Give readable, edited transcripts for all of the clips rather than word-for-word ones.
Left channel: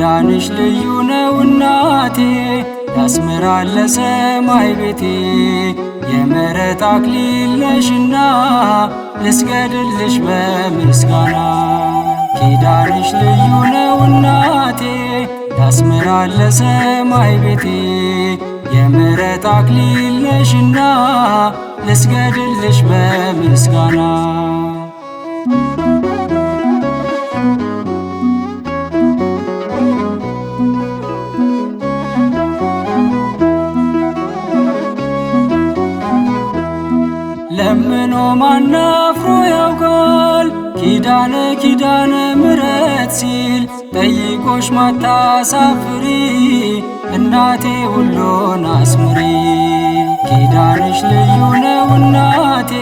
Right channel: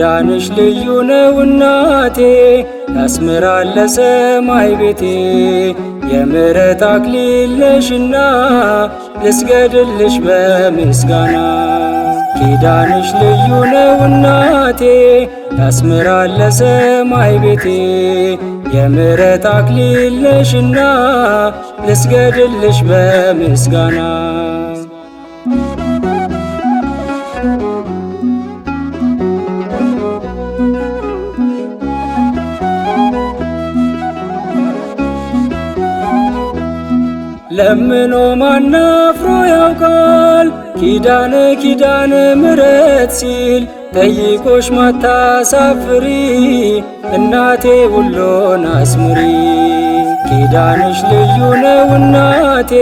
ኪዳንሽ ልዩ ነው እናቴ ያስምራል ለሰማይ ቤቴ የምሕረት አክሊል ነሽና ልስገድልሽ በምስጋና ኪዳንሽ ልዩ ነው እናቴ ያስምራል ለሰማይ ቤቴ የምሕረት አክሊል ነሽና ልስገድልሽ በምስጋና ለምኖ ማናፍሮ ያውቃል ኪዳነ ምሕረት ሲል ጠይቆሽ ማታሳፍሪ እናቴ ሁሉን አስምሪ ኪዳንሽ ልዩ ነው እናቴ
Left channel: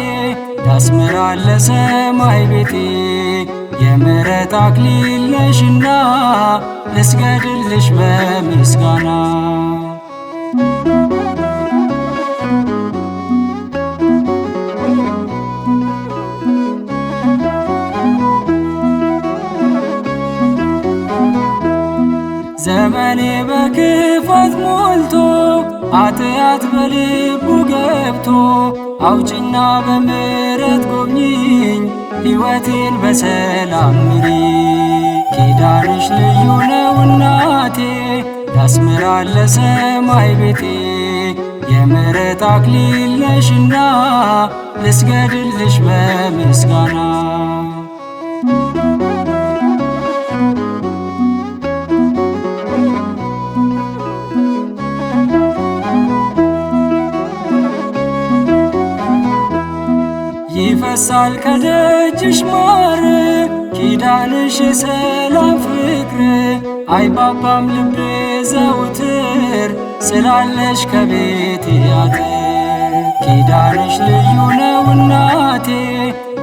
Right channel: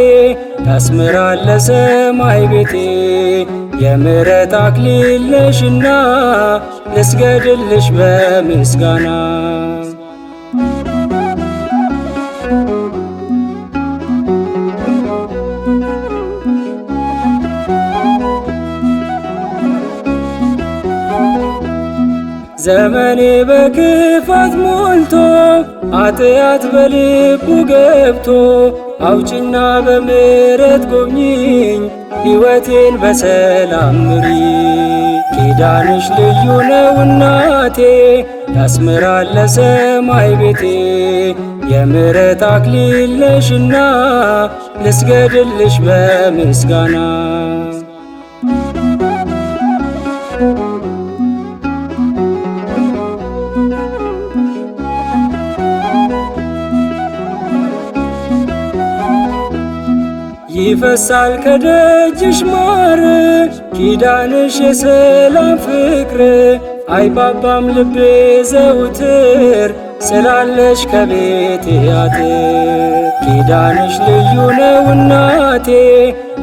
ያስምራል ለሰማይ ቤቴ የምሕረት አክሊል ነሽና ልስገድልሽ በምስጋና ዘመኔ በክፋት ሞልቶ ኃጢአት በልቡ ገብቶ አውጭና በምሕረት ጎብኚኝ ሕይወቴን በሰላም ምሪ ኪዳንሽ ልዩ ነው እናቴ ያስምራል ለሰማይ ቤቴ የምሕረት አክሊል ነሽና ልስገድልሽ በምስጋና ይፈሳል ከደጅሽ ማር ኪዳንሽ የሰላም ፍቅር አይባባም ልቤ ዘውትር ስላለሽ ከቤቴ አጥር ኪዳንሽ ልዩ ነው እናቴ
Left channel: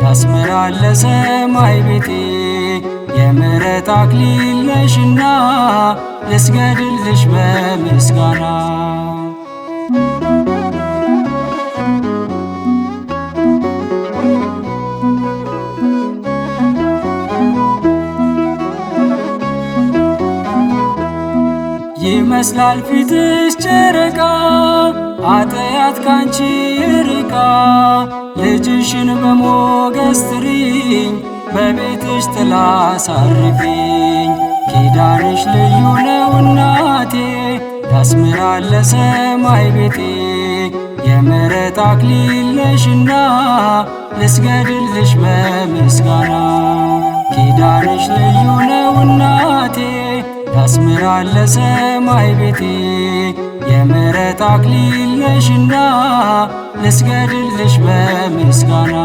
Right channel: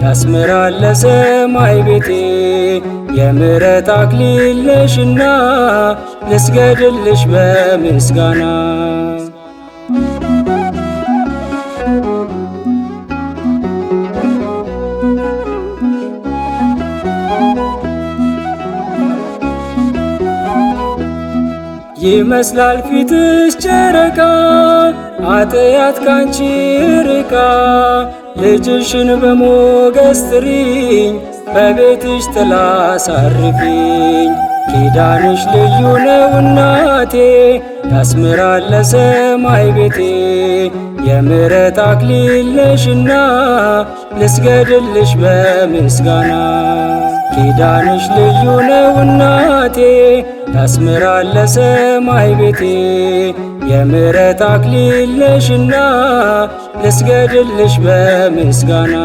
ያስምራል ለሰማይ ቤቴ የምሕረት አክሊል ነሽና ልስገድልሽ በምስጋና ይመስላል ፊትሽ ጨረቃ ኃጢአት ካንቺ ርቃ ልጅሽን በሞገስ ጥሪኝ በቤትሽ ጥላ አሳርፊኝ ኪዳንሽ ልዩ ነው እናቴ ያስምራል ለሰማይ ቤቴ የምሕረት አክሊል ነሽና ልስገድልሽ በምስጋና ኪዳንሽ ልዩ ነው እናቴ ያስምራል ለሰማይ ቤቴ የምሕረት አክሊል ነሽና ልስገድልሽ በምስጋና